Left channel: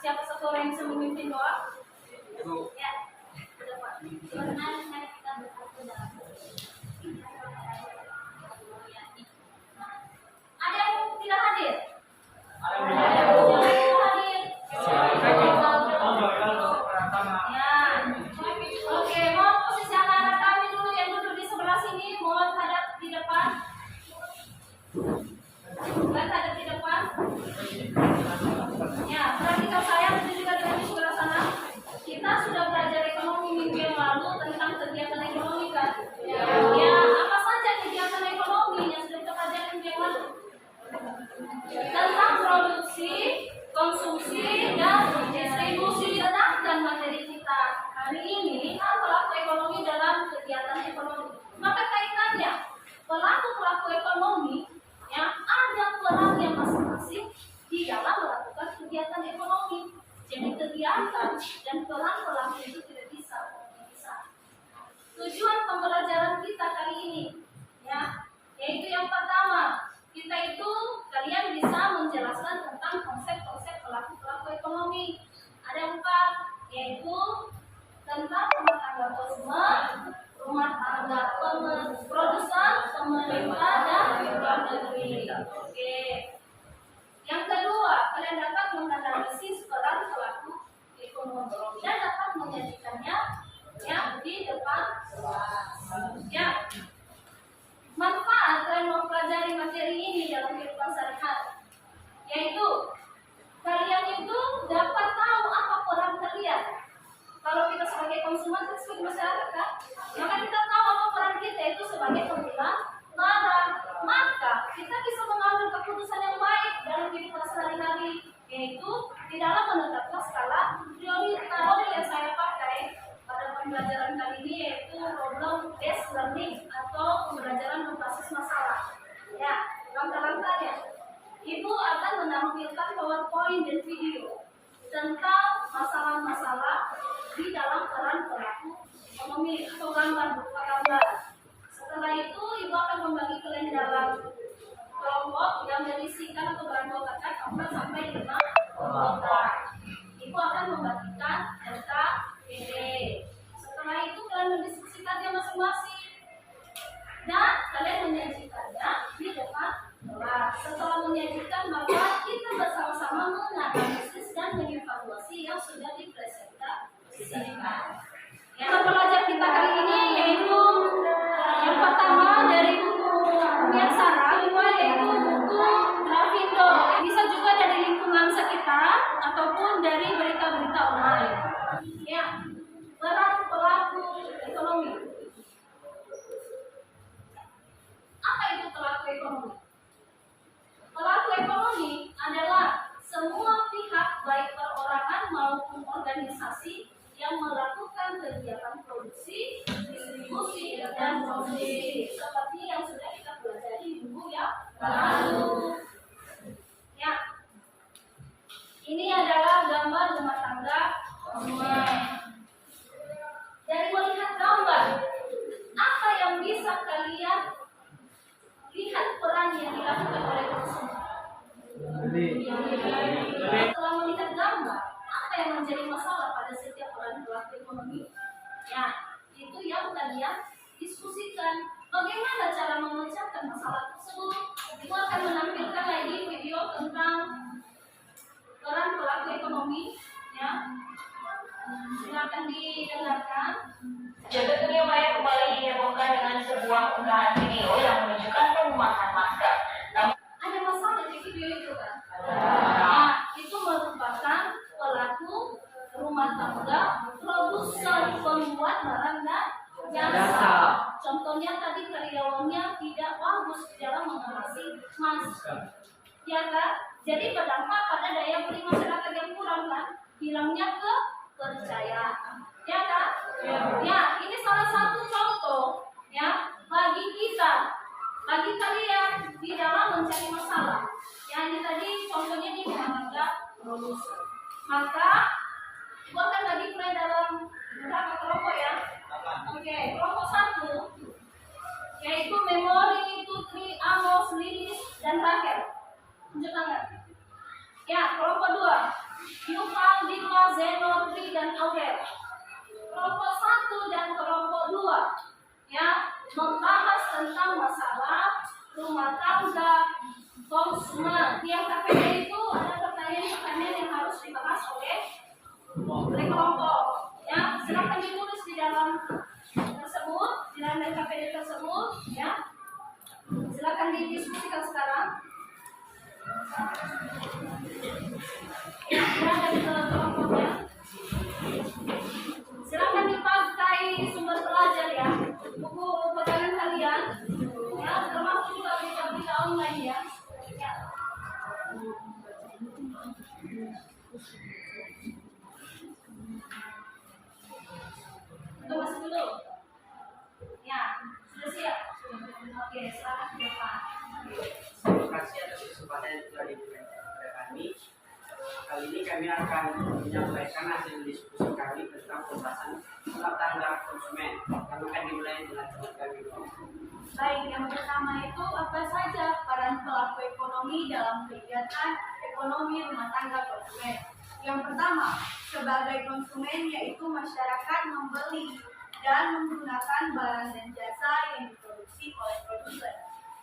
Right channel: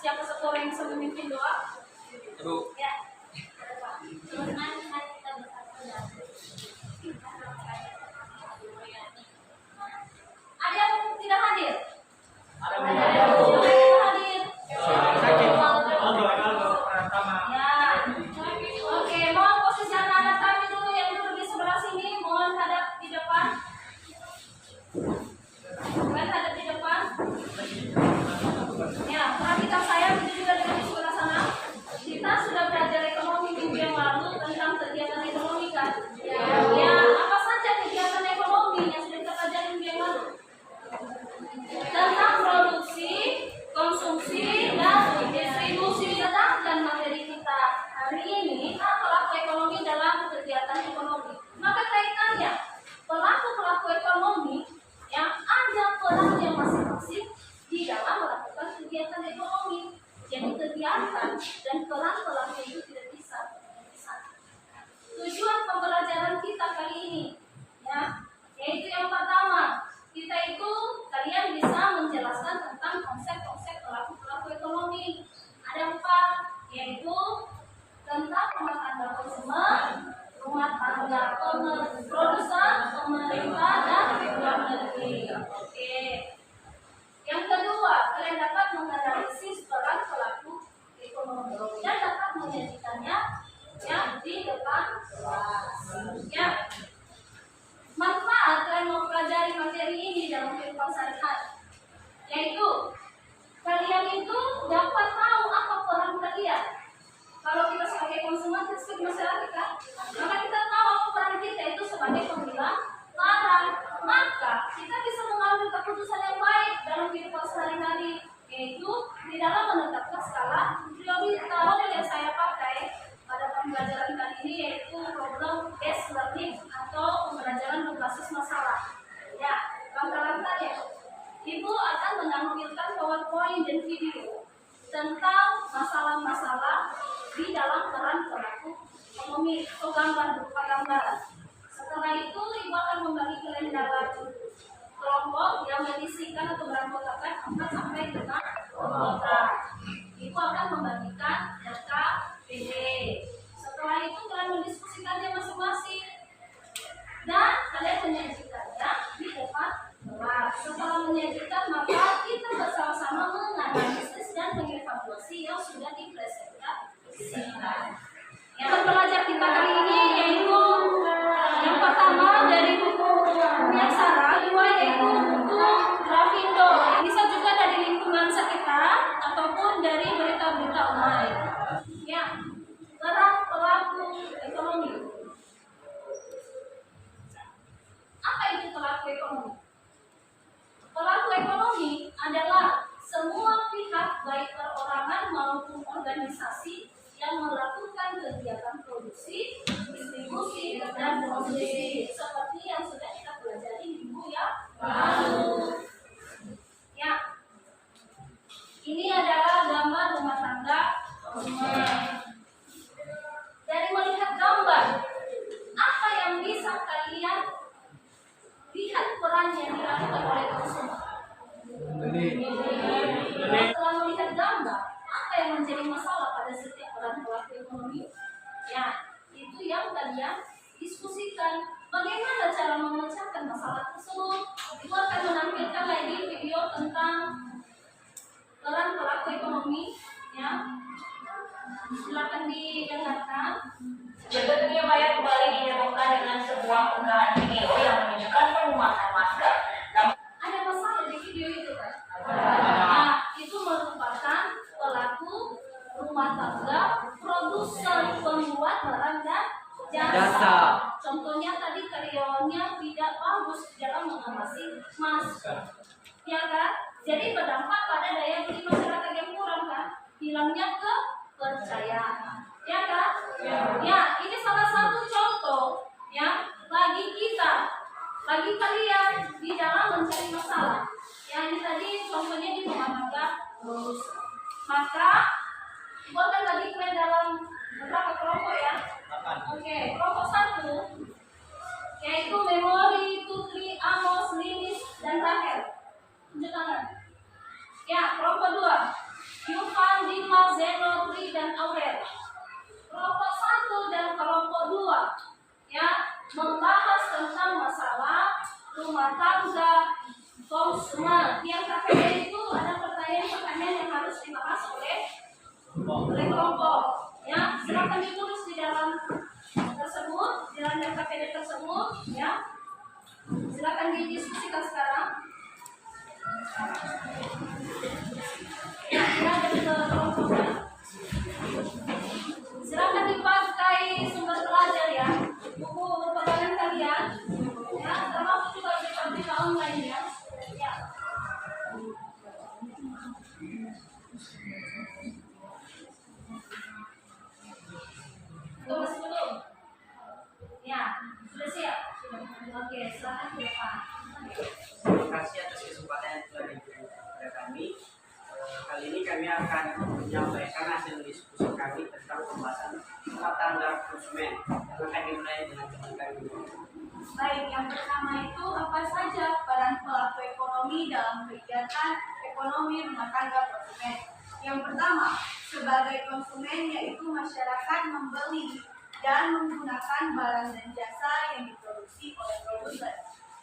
Siapa satu orang yang bisa memimpin doa? Ibu. Ya, ke depan. Mari kita bersatu dalam. Ada yang tidak hadir? Ada yang tidak hadir? Ya. Oke, mohon posisi anak-anak kami dulu yang duduk di sebelah sini, mohon hadap di depan. Mohon hadap di depan. Ya, perhatikan saya juga dengan di sebelah sana. Kita sudah belajar ekonomi minggu yang lalu tentang kegiatan ekonomi kan? Ya, apa saja kegiatan ekonomi yang sudah kita pelajari minggu yang lalu? Tentang produksi, konsumsi, dan distribusi. Sedangkan materi kita hari ini pelaku ekonomi dalam kegiatan ekonomi. Maka kaitannya pelaku ekonomi yang ada perannya masing-masing di dalam melakukan kegiatan ekonomi. Jadi kegiatan dan peran pelaku itu tidak bisa berpisah. Tujuan pembelajaran kita kali ini, ya, yaitu yang pertama, kita itu kalian bisa menjelaskan tentang konsep-konsep pelaku ekonomi. Ada 4, yaitu tentang rumah tangga konsumen, rumah tangga produsen, pemerintah, dan luar negeri. Oke. Yang kedua, kalian dapat menganalisis peran pelaku ekonomi dan dapat menyajikannya ya di depan kelas. Ya. Manfaat kalian mempelajari materi ini dalam kehidupan sehari-hari, yaitu kalian itu dapat tahu apa peran kalian. Kalau kita sebagai konsumen, kita sebagai masyarakat, maka kita tahu apa peran kita itu sebagai pemilah barang. Maka kita bisa mengambil keputusan yang baik dalam kehidupan sehari-hari, yaitu di dalam menetapkan skala prioritas. Model yang saya pakai pada pembelajaran kali ini yaitu problem based learning atau pembelajaran berbasis masalah. Ya, langkah-langkahnya, Ibu akan menampilkan PowerPoint dan video tentang masalah-masalah di dalam peran pelaku ekonomi atau gambar berupa gambar. Setelah itu Ibu akan membagi kalian dalam kelompok yang berisikan atau beranggotakan 4 sampai 5 anggota. Ibu akan membagikan LKPD. Setelah itu kalian mendiskusikannya masing-masing dan kalian menyajikannya di depan kelas. Setelah menyajikan, maka kita bersama-sama menganalisis dan mengevaluasi yang sudah dipresentasikan. Yang pembelajaran kita kali ini yaitu yang pertama dari buku Miaksara, kedua yaitu buku Grafindo. Bisa juga dari lingkungan sekitar ataupun dari berita-berita online. Ya, peran pelaku ekonomi. Apa itu pelaku ekonomi? Pelaku ekonomi adalah semua pihak baik perorangan maupun organisasi yang melakukan kegiatan produksi, distribusi, dan konsumsi seperti yang sudah kita pelajari minggu yang lalu. Ya, ini adalah gambar rumah tangga konsumen. Dari melihat gambar, apa yang bisa kalian lihat peran yang dilakukan oleh konsumen? Setelah melihat gambar, apa yang menjadi masalah pada setiap peran pelaku ekonomi? Ya, itu yang kalian diskusikan. Bagaimana cara memecahkan masalah tersebut? Ibu akan menampilkan lagi video tentang peran pelaku ekonomi. Ya, silakan didengarkan. Jagat Dunia Maya kembali dihebohkan dengan sebuah unggahan video yang menunjukkan perumahan masker. Ada masalah di video itu kan? Nah, itu merupakan pelaku rumah tangga, produsen, pembuat barang dan jasa. Contohnya tadi karyawannya tidak bagus dalam mengawasi masker, ya kan? Jadi berdampak pada daya beli masyarakat yang kurang kan? Hilangnya kepercayaan, ya kan? Ya, ini salah satu contoh ya bagi kita, bagi kalian di dalam mencari masalah. Ya, ini tadi contohnya di rumah tangga produsen. Maka Ibu akan bagi kalian dalam beberapa kelompok ya. Oke, kelompok 1 yaitu Memori, Tutri, Amos, Lilis, dan Rachel. Tunjuk tangan. Ya, kelompok 2 Yuval, Dima, Zeno, Tri, dan Aurel. Kelompok 1 dan kelompok 2 ya, membahas tentang masalah rumah tangga konsumen. Yang KPD itu ada pertanyaan-pertanyaan yang harus dibahas oleh kelompok. Ya, silakan ditulis di dalam tersebut, di dalam KPD tersebut. Ya, silakan didiskusikan sekarang. Ya, ada di kelompoknya. Silakan dipakai sumber belajar ya, buku pegangan kalian. Ya, termasuk juga berita-berita online ya. Ya. Tunggu dulu. Ya, sudah siap. Oke, silakan ke depan. Terima kasih atas kesempatan yang telah diberikan kepada kami. Kali ini kami akan menyampaikan hasil diskusi kami tentang pembahasan rumah tangga konsumen yang akan dimulai dengan teman kami. Baik, yang pertama itu apa saja peran pelaku ekonomi dalam kegiatan ekonomi rumah tangga konsumen? Yang pertama, sebagai konsumen yaitu masyarakat membeli dan menggunakan barang dan jasa yang diproduksi oleh produsen.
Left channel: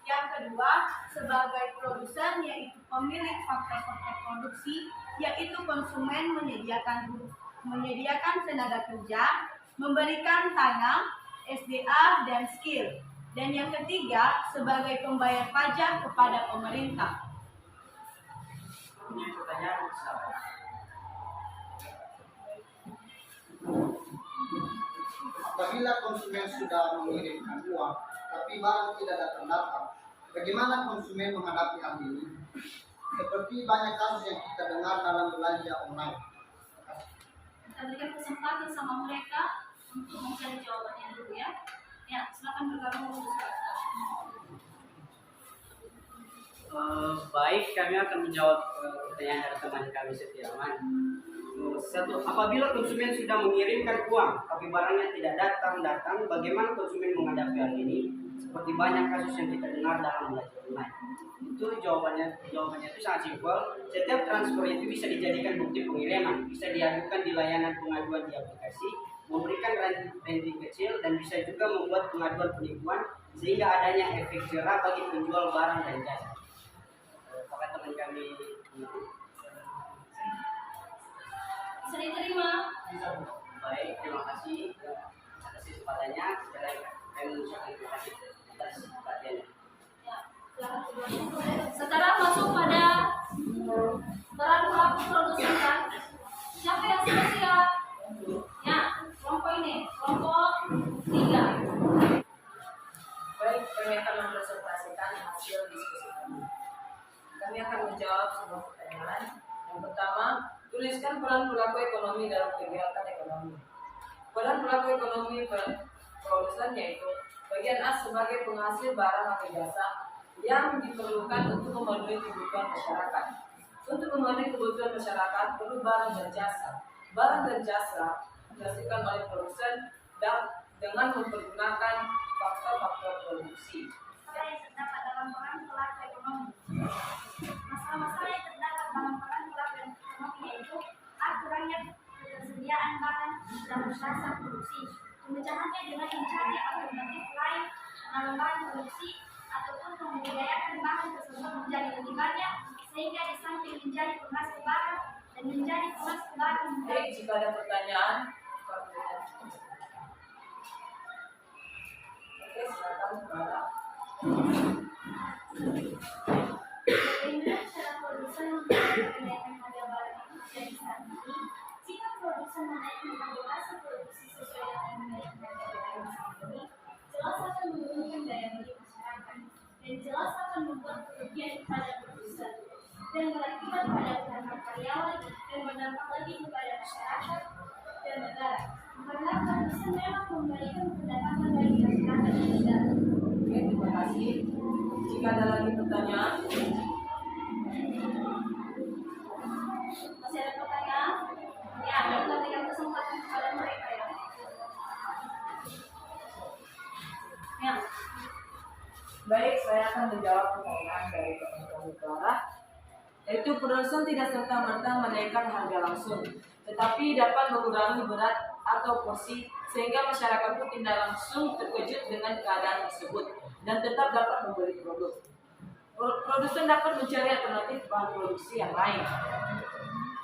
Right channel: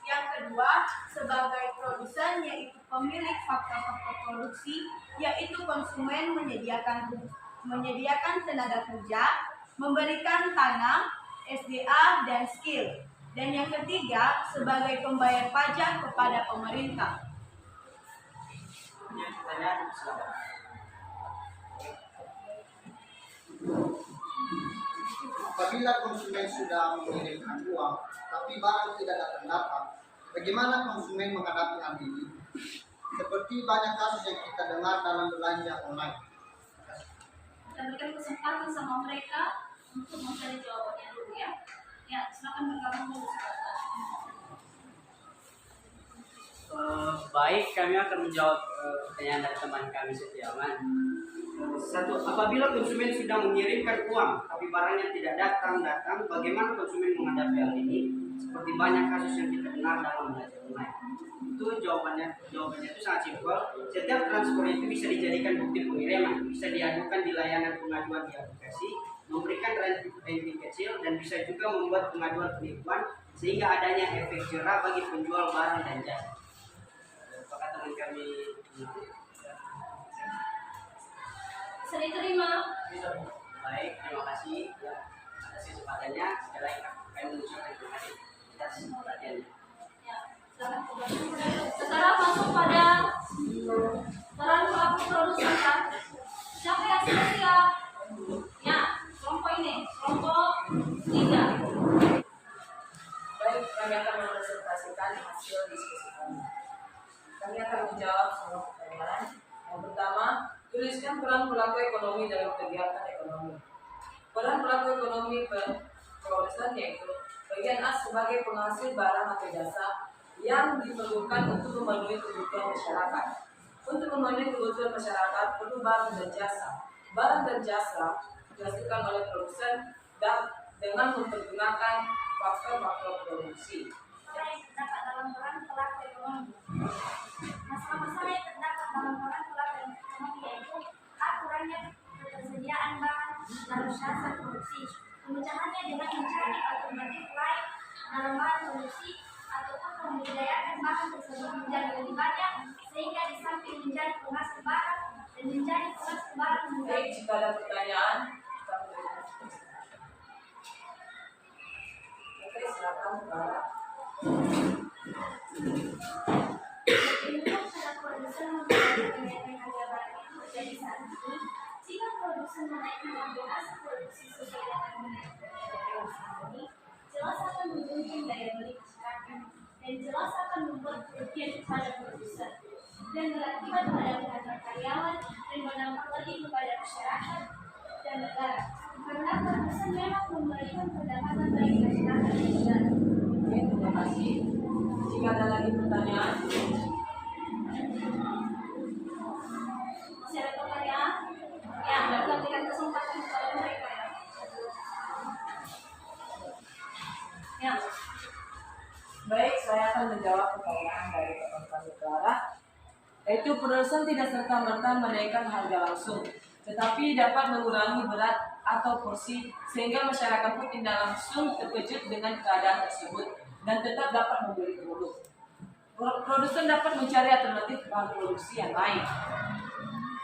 Yang kedua, sebagai produsen yaitu pemilik faktor-faktor produksi, yaitu konsumen menyediakan tenaga kerja, memberikan tanah, SDA, dan skill. Dan yang ketiga, sebagai pembayar pajak kepada pemerintah. Punya pertanyaan, silakan. Apabila konsumen sudah mengirimkan uang, tapi barang tidak datang, bagaimana konsumen menghadapi hal ini? Seperti banyak kasus yang kita dengar dalam belanja online. Kita berikan kesempatan sama mereka untuk mencari jawabannya dulu ya. Ya, silakan bergabung dulu sebentar. Baik, kami akan menjawab pertanyaan dari teman kami Setiawan. Satu, apabila konsumen sudah mengirimkan uang tapi barangnya tidak datang, bagaimana konsumen menghadapi hal ini? Seperti banyak kasus yang kita dengar dalam belanja online. Itu jawabannya itu sangat simpel. Setiap transfer itu bisa dijadikan bukti pengiriman, bisa diadukan di layanan pengaduan di aplikasi, memberikan ranting kecil, dan bisa juga membuat pengaduan penipuan sehingga adanya efek jerah bagi penjual barang dan jasa. Apakah teman kami Bisa diterima. baik? Terima kasih atas kesempatannya. Sekali lagi kami mengucapkan terima kasih atas perhatiannya. Ya, silakan bergabung. Sekarang masuk pada peran pelaku produsen kan. Siapa yang sudah siap? Ya, kelompok ini, kelompok 3. Baik, kami akan mempresentasikan hasil diskusi kami. Kami akan menjawab semua pertanyaan. Yang pertama, tuliskan peran pelaku ekonomi dalam kegiatan ekonomi. Peran pelaku ekonomi produsen yaitu bagian A sebagai penghasil barang atau jasa yang diperlukan untuk memenuhi kebutuhan masyarakat. Untuk memenuhi kebutuhan masyarakat perlu barang dan jasa. Barang dan jasa dihasilkan oleh produsen dan dengan mempergunakan faktor-faktor produksi. Apa yang terdapat dalam peran pelaku ekonomi? Masalah-masalah yang terdapat dalam peran pelaku ekonomi yaitu kurangnya ketersediaan bahan dan jasa produksi. Pemecahannya dengan mencari alternatif lain dalam bahan produksi ataupun membudidayakan bahan tersebut menjadi lebih banyak sehingga di samping menjadi penghasil barang dan menjadi penghasil barang Baik, jika ada pertanyaan, oke, silakan Mbak. Bagaimana cara produsen menaikkan harga barang itu terjadi saat ini? Jika produsen menaikkan harga hasil produksi sesuai dengan menaikkan harga barang saat ini, jelas akan menurunkan daya beli masyarakat dan jelas akan membuat kerugian kepada produsen dan berakibat pada kehadiran karyawan dan berdampak lagi kepada masyarakat dan negara. Karena produsen memang memberikan pendapatan bagi masyarakat dan negara. Oke, terima kasih. Jika ada lagi pertanyaan, Masih ada pertanyaan? Ya, dan berikan kesempatan kepada mereka ya. Ya, baik, saya akan menjawab pertanyaan dari teman kami Clara. yaitu produsen tidak serta-merta menaikkan harga langsung, tetapi dapat mengurangi berat atau porsi sehingga masyarakat pun tidak langsung terkejut dengan keadaan tersebut dan tetap dapat membeli produk. Produsen dapat mencari alternatif bahan produksi yang lain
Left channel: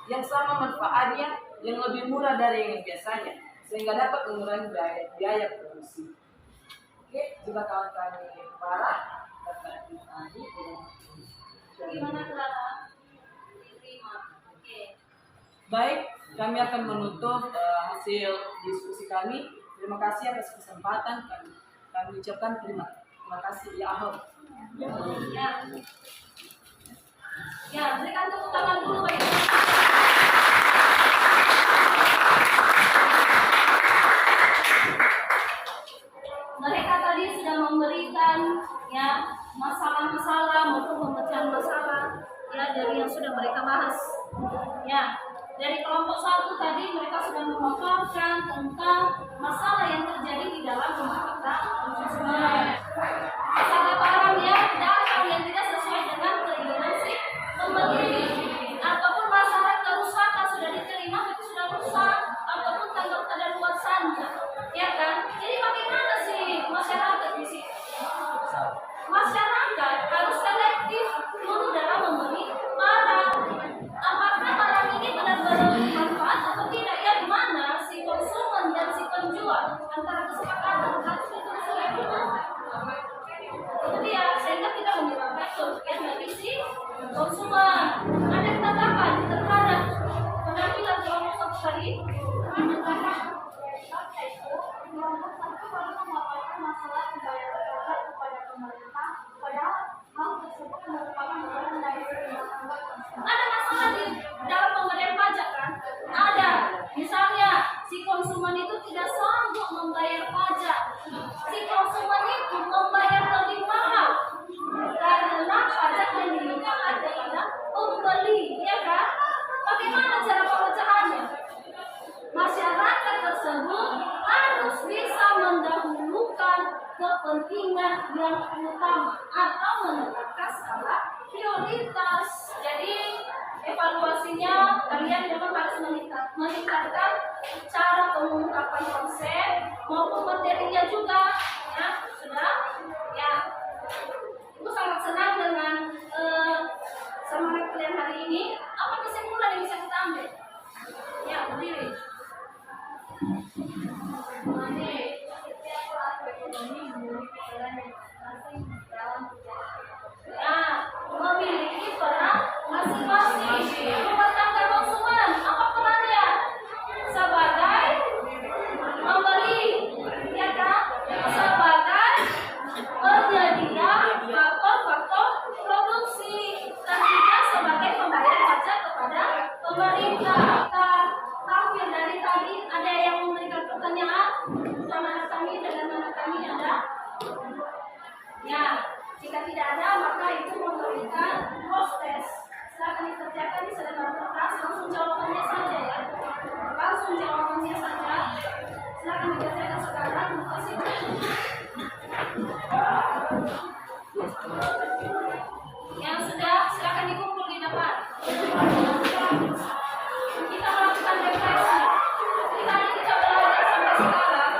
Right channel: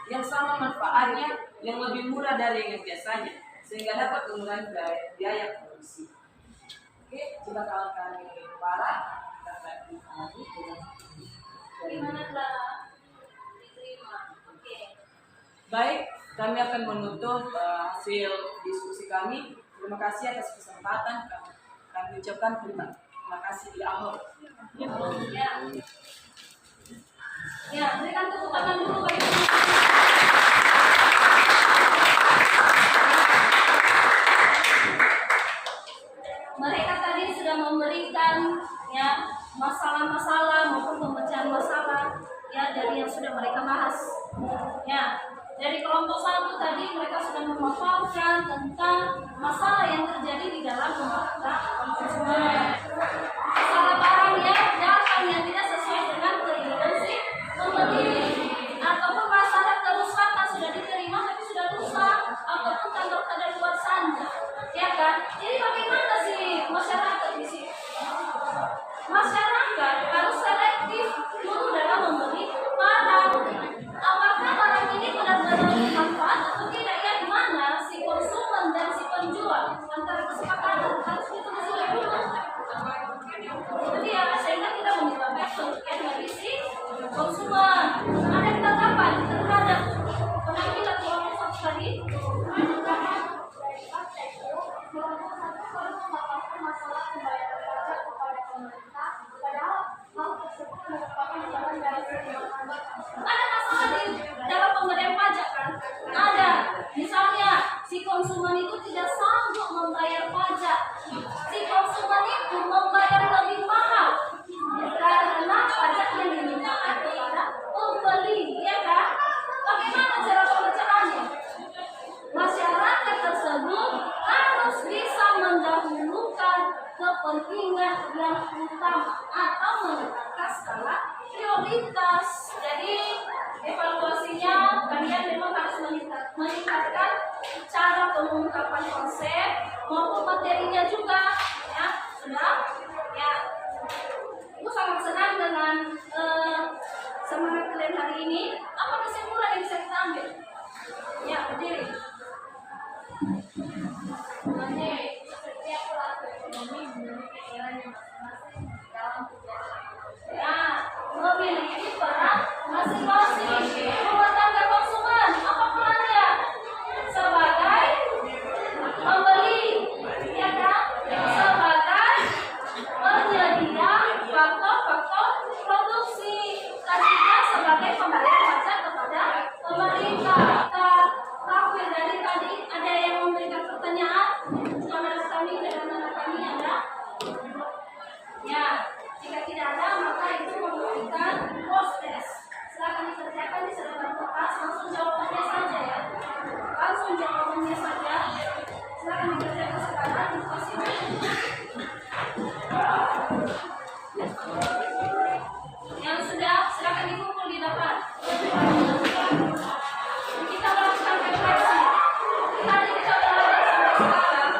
yang sama manfaatnya, yang lebih murah dari yang biasanya, sehingga dapat mengurangi biaya produksi. Oke, jika kawan kami parah, dapat ditagi dengan Gimana Clara? Diterima. Oke. baik. Kami akan menutup hasil diskusi kami. Terima kasih atas kesempatan kami ucapkan terima kasih ya Allah. Ya. Ya, berikan tepuk tangan dulu bagi mereka tadi sudah memberikan ya masalah-masalah maupun pemecahan masalah ya dari yang sudah mereka bahas. Ya, dari kelompok 1 tadi mereka sudah memaparkan tentang masalah yang terjadi di dalam rumah tangga konsumen. Masalah barang yang datang yang tidak sesuai dengan keinginan si pembeli, ataupun masalah kerusakan sudah diterima tapi sudah rusak, ataupun tanggal kadaluarsanya, ya kan? Jadi bagaimana sih masyarakat di sini? Masyarakat harus selektif dulu dalam membeli barang. Apakah barang ini benar-benar bermanfaat atau tidak? Ya, di mana si konsumen dan si penjual antara kesepakatan harus ditelusuri dulu. Itu dia, sehingga tidak menyebabkan kerugian bagi si konsumen. Ada ketetapan terhadap penampilan kelompok 1 tadi. Kelompok 1 baru memaparkan masalah pembayaran pajak kepada pemerintah, padahal hal tersebut merupakan bagian dari rumah tangga konsumen. Ada masalah di dalam pemberian pajak kan? Ada. Misalnya si konsumen itu tidak sanggup membayar pajak. Si konsumen itu membayar lebih mahal karena pajak yang dikenakan kepada pembeli, ya kan? Bagaimana cara pemecahannya? Masyarakat tersebut harus bisa mendahulukan kepentingan yang utama atau menetapkan skala prioritas. Jadi evaluasinya kalian memang harus meningkatkan cara pengungkapan konsep maupun materinya juga, ya sudah, ya. Aku sangat senang dengan semangat kalian hari ini. Apa kesimpulan yang bisa kita ambil? Ya, berdiri. Oke, setiap pelaku ekonomi memiliki peran yang masing-masing dalam kegiatan ekonomi. Nah, memiliki peran masing-masing. Rumah tangga konsumen, apa perannya? Sebagai pembeli, ya kan? Sebagai penyedia faktor-faktor produksi, dan kita sebagai pembayar pajak kepada pemerintah. Kita tahu ya dari tadi ada yang memberikan pertanyaan. Saudara kami dengan anak kami ada. Ya, jika tidak ada maka itu memberikan post test. Silakan dikerjakan di sedepan kertas, langsung jawabannya saja ya. Langsung jawabannya saja. Silakan dikerjakan sekarang. Terima kasih. Yang sudah silakan dikumpul di depan. Kita melakukan refleksi. Tadi kita belajar sampai sekarang.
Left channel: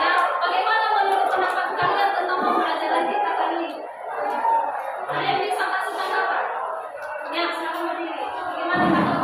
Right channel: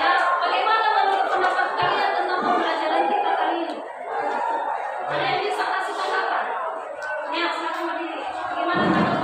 Ya, bagaimana menurut pendapat kalian tentang pembelajaran kita kali ini? Ada yang bisa kasih tanggapan? Ya, silakan berdiri. Bagaimana tanggapan?